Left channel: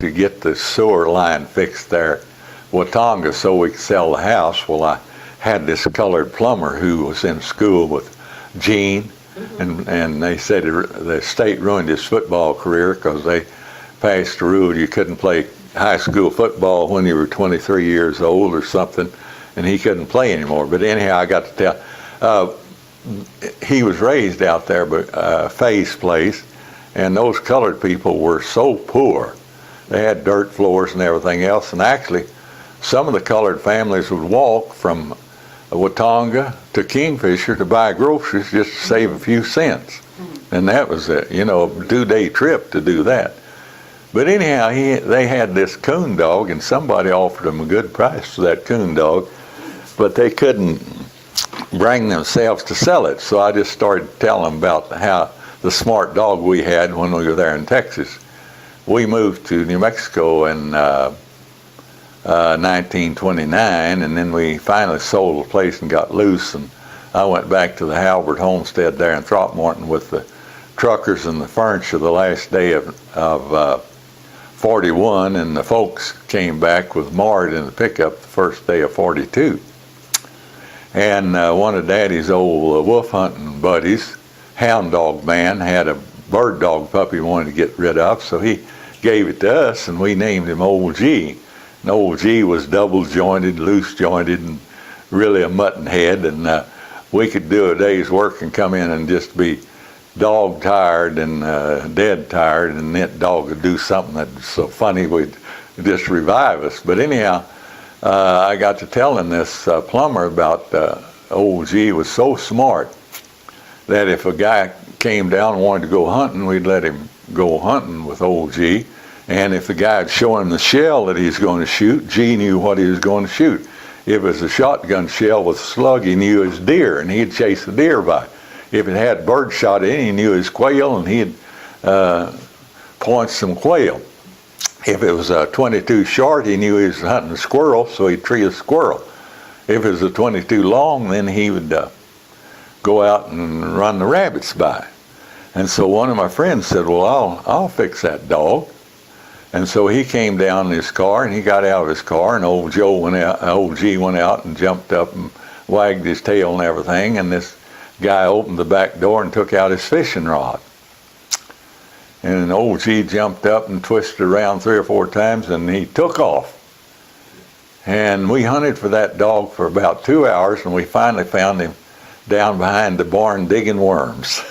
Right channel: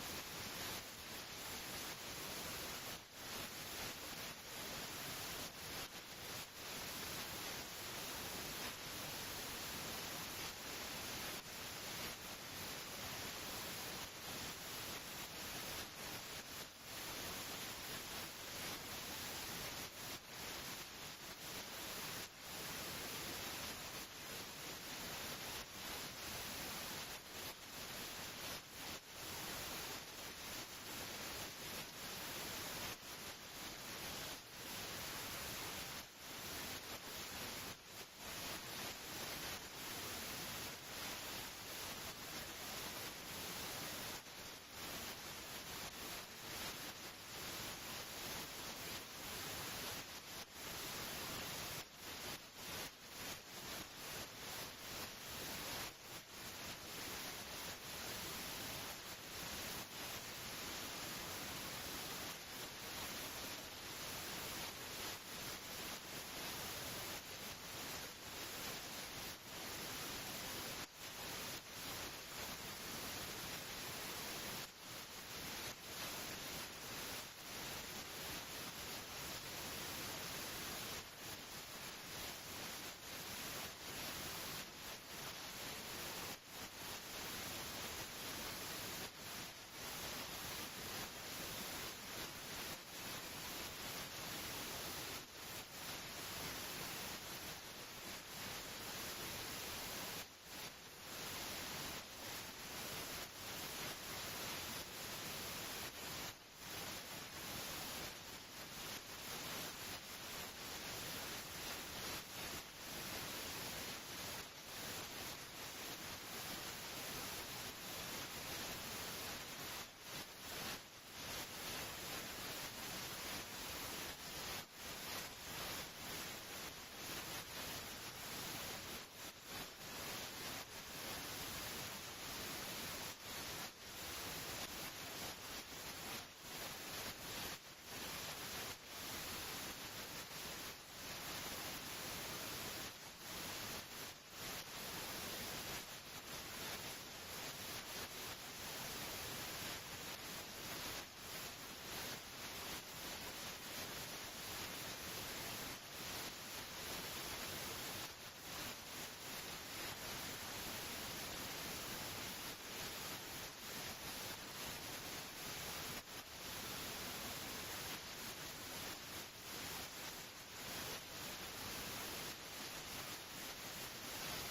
to get the sewer line fixed there at Watonga so we could sell the house. Well, I had this colored plumber who was in school with Gene, and they said the state ruined his football career because they passed a rule you couldn't play high school football when you were 23 years old or something, and he couldn't play anymore. But anyhow, I got to tell, he was raised out there by Faye's place, and those colored people were so poor. They had dirt floors and everything else, and actually some of the colored families would walk from Watonga to Kingfisher to buy groceries just to save a few cents. And that was a 2-day trip to do that. But anyhow, they had this coon dog, and somebody offered them a good price for that coon dog, but they couldn't bring themselves to sell it. So I just started telling them about how the smart dog we had when we were there in Texas. We moved to New Mexico in 1929, and then we finally sold the place and got loose, and I went back to the Halbert homestead there in Throckmorton with the truckers and the furniture the last day of 41, and the folks came back with Mart in the pickup the first day of 42. And one of Daddy's old wolf hunting buddies, hound dog man, had a bird dog puppy he wanted to get rid of, so he gave it to us, and we named him Old G. And Old G was double jointed, loose jointed, and really a mutton head, and we could do a day's work and come in and just be dog tired and dead tired, and that dog would do something that's so funny would just revive us. But anyhow, I got to telling this plumber about Old G was so smart that if a guy came down and wanted to go hunting, we'd let him go hunting with Old G. And if the guy had shown him the shell that he was going to shoot, G knew what he was going to shoot. If it was a shotgun shell with a slug, he knew it was deer, and he'd chase the deer by. If it had bird shot in it, he knew it was quail, and he'd point some quail. If it was a 22 short, he knew he was hunting a squirrel, so he'd tree a squirrel. If it was a 22 long, then he would go out and run the rabbits by. And so one of my friends said, well, I'll fix that dog. And so he came down in his car, and he got out of his car, and Old G went out and jumped up and wagged his tail and everything, and this guy opened the back door and took out his fishing rod. And Old G jumped up and twisted around 3 or 4 times, and he took off. And we hunted for that dog for about 2 hours, and we finally found him down behind the barn digging worms.